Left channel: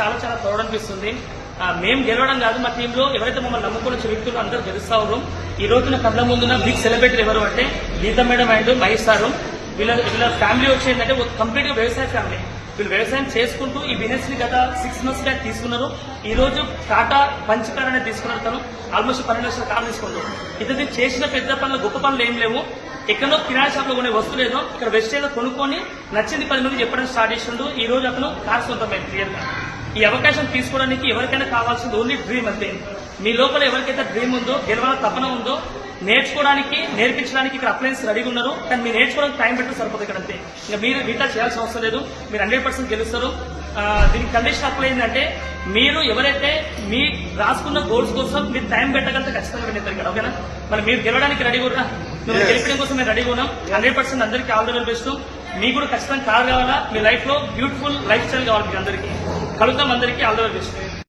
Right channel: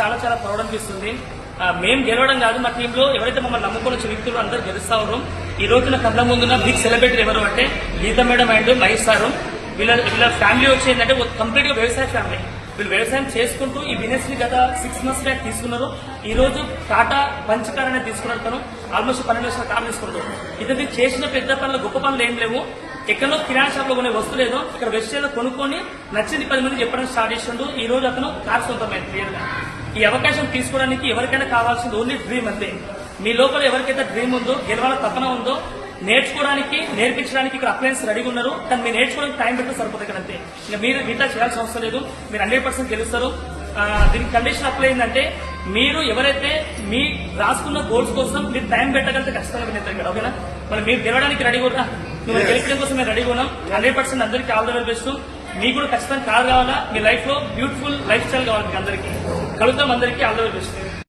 చాలా చాలా ప్రౌడ్ అనిపిస్తుంది మేము గెలవడం కాదు మా టీంలో. ఎవరైతే మమ్మల్ని నమ్ముకున్న వచ్చే వ్యక్తులు అందరూ గెలుస్తా ఉన్నాం ఈ రోజున కళ్ళ ముందున్న బిగ్ సెలబ్రిటీ ఎవరు అంటే Geeta madam and Mahesh sir. వీళ్ళ వీళ్ళ ఫ్యామిలీ వచ్చి ఏంటంటే కంప్లీట్గా వ్యవసాయ ఫ్యామిలీ వీళ్ళు వ్యవసాయం చేసుకుంటూ ఈ బిజినెస్ని గత సిక్స్ మంత్స్ బ్యాక్ తీసుకున్నారు. ఈ రోజు టాటా పంచకార్ అనేది తీసుకున్నారు తను. ఆల్మోస్ట్ పన్నెండు లక్షల కార్ తీసుకున్నారు. ఇతనికి చేసిన పెద్ద పనులు గొప్ప పనులు ఏం లేవు. ఎక్కడో కిరాణా షాప్లో కొనే వస్తువు లేదో. ఇక్కడ వెస్టేజ్లో కొనుక్కొని నచ్చింది పది మంది చెప్పడానికి స్టార్ట్ చేస్తుండ్రు ఈ రోజు అతను కార్ సొంతమైంది క్లియర్గా. ఈ అవకాశం తీసుకోవడానికి ఎవరికైనా కావాల్సింది ఓన్లీ డ్రీమ్ అంతే. మీ లోపల ఎవరికైతే డ్రీమ్ ఉందో గెలవాల తపన ఉందో నేర్చుకోవడానికి నేర్పించడానికి ఇక్కడ అప్లయన్స్ రెడీగా ఉన్నారు. కానీ మీరు నేర్చుకోవడానికి టైం పెట్టి సరిపోతుంది ఇక్కడ అంతే. ఇంకా మీరు మిగతా చేయాల్సిన అవసరం లేదు. మీరు హండ్రెడ్ పర్సెంట్ గెలుస్తారు. దీనికి కండిషన్ అప్లై ఏంటంటే మీరు ఎవరైతే మీ రాసుకున్న గోల్స్ కోసం మీరు టైం పెట్టగలిగితే ఖచ్చితంగా వినేస్తారు ఇక్కడ ఓకేనా? మరి మీరు గెలవడానికి రెడీ కూడా మిమ్మల్ని గెలిపడం కోసం మేము రెడీగా ఉన్నాం. హండ్రెడ్ పర్సెంట్ అందరికీ ఆల్ ద మీకు కూడా ఖచ్చితంగా కార్ కావాలా? మీ లైఫ్లో బ్యూటిఫుల్ లైఫ్ స్టైల్ కావాలి అందరికీ. కలుద్దాం అందరికీ. All the best.